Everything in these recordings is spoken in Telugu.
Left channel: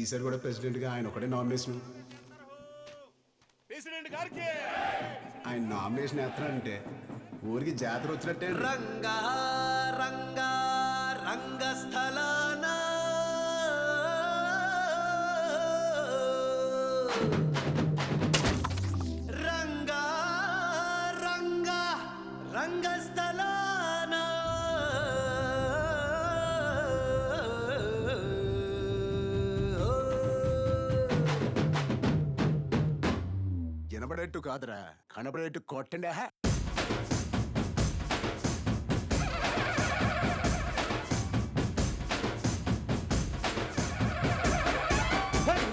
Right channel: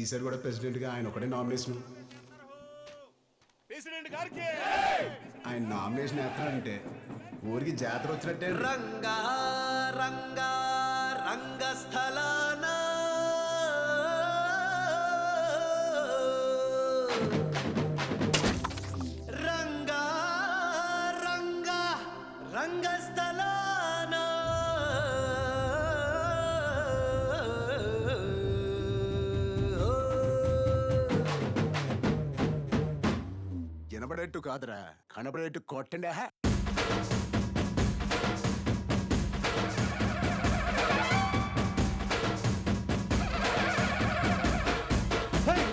ఈసారి కూడా ప్రెసిడెంట్ గా ఆయన ఒకటే నామినేషన్. ప్రెసిడెంట్ గారికి ఆయన నామినేషన్ ఎత్తానంటే ఊరికి జాతర వచ్చినట్టే. రంగా రంగా రంగస్థలాన రంగా రంగా రంగస్థలాన వినబడేట్టు కాదురా, కనబడేట్టు కొట్టండి.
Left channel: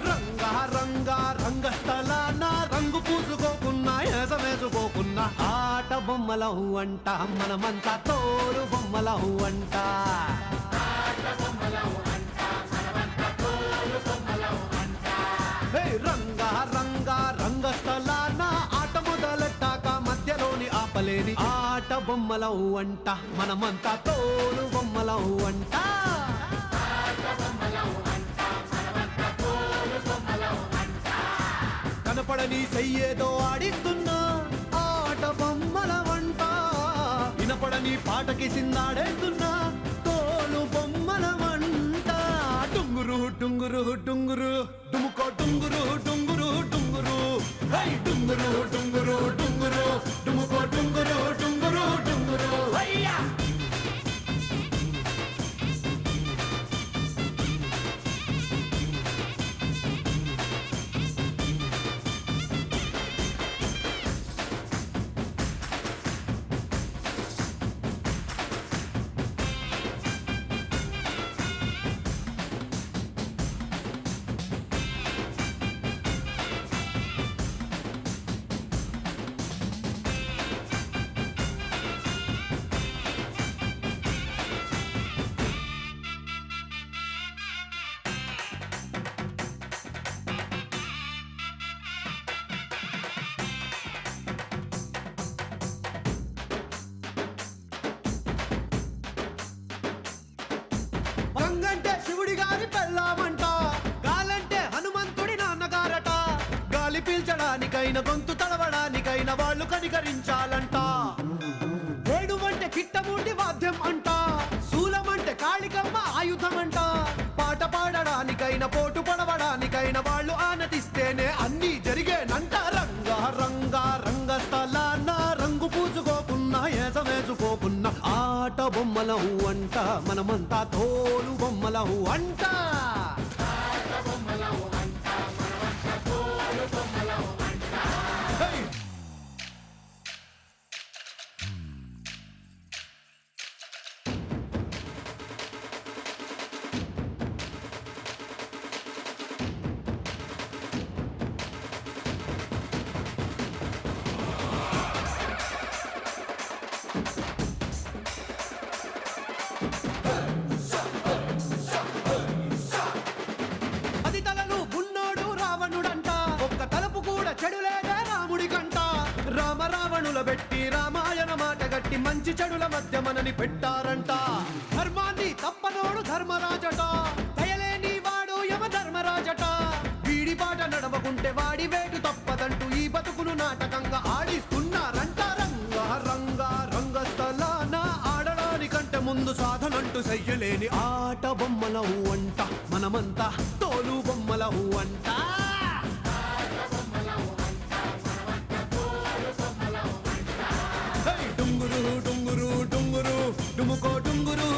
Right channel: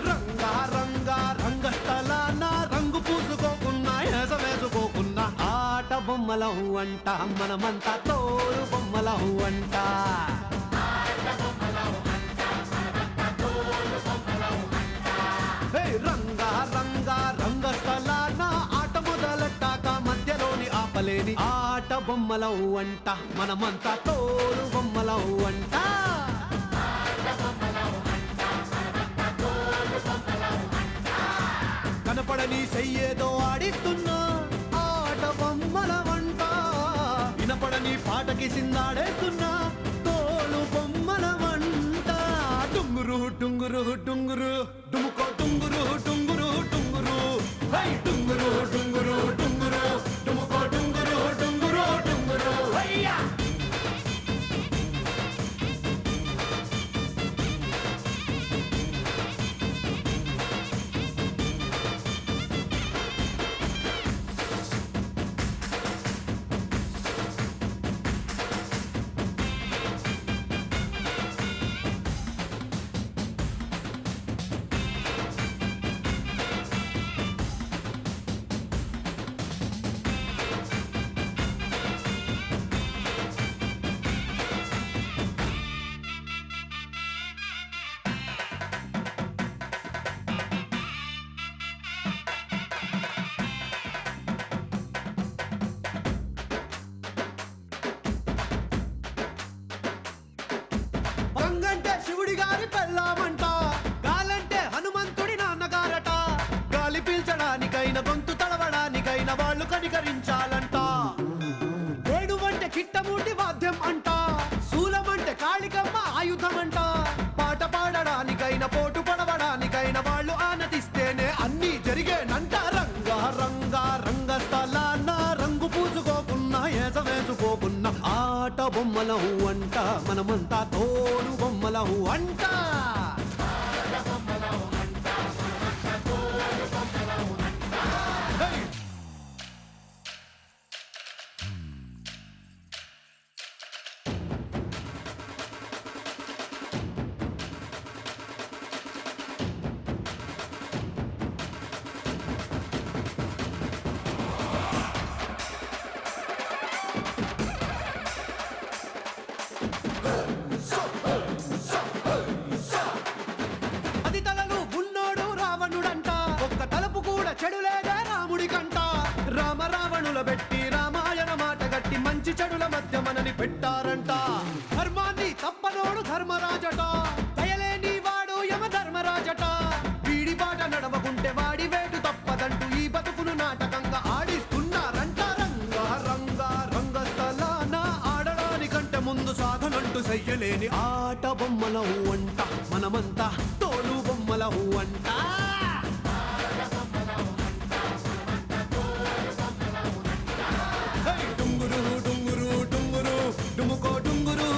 రంగా రంగా రంగస్థలాన రంగు పూసుకోకున్నా ఏస వేసుకోకున్నా ఆట బొమ్మలహు అంట మనమంతా తోలు బొమ్మలహు అంట. రంగా రంగా రంగస్థలాన ఆట మొదలెట్టాక మధ్యలోని ఆపలేని ఆట బొమ్మలహు అంట మనమంతా తోలు బొమ్మలహు అంట. కనపడని చెయ్యేదో ఆడిస్తున్నా ఆట బొమ్మల వంట వినపడని పాటకి సిందాడేస్తున్నా తోలు బొమ్మల వంట. డుంగురు డుంగురు డుంగురు డుముకో డుంగురు డుంగురు డుంగురు హై డుంగురు డుంగురు డుంగురు డుముకో డుంగురు డుంగురు డుంగురు అయ్యా. గంగంటే శివుడి గారి పెళ్ళామంట గాలంటే హనుమంతుడి నాన్నగారట. గాలి పీల్చడానికైనా గొంతు తడవడానికైనా వాళ్ళు కనికరించాలంట. వేణువంటే కిట్టమూటి వాద్యం అంట శూలమంటే కాళికమ్మ ఆయుధం అంట. పాట పాడడానికైనా పోటు పడవడానికైనా వాళ్ళు ఆనతిస్తేనే అన్నీ జరిగేనంట. రంగా రంగా రంగస్థలాన రంగు పూసుకోకున్నా ఏస వేసుకోకున్నా ఆట బొమ్మలహు అంట మనమంతా తోలు బొమ్మలహు అంట. పది తలలు ఉన్నోడు రావణుడంట ఒక్క తలపు కూడా చెడులేదే రాముడి కంట. రామ రావణుల పెట్టి రామాయణ మాట గట్టి మంచి చెడుల మధ్య మనని పెట్టారంట. ధర్మాన్ని తప్పనోడు ధర్మరాజట దయలేని వాడు యమ ధర్మరాజట. వీడి బాట నడవకుంటే వాడి వేటు తప్పదంటూ ఈ బతుకును నాటకంగా ఆడిస్తున్నారంట. రంగా రంగా రంగస్థలాన ఆడడానికంటే ముందు సాధనంటూ చెయ్యలేని ఆట బొమ్మలహు అంట మనమంతా తోలు బొమ్మలహు అంట. డుంగురు డుంగురు డుంగురు డుముకో డుంగురు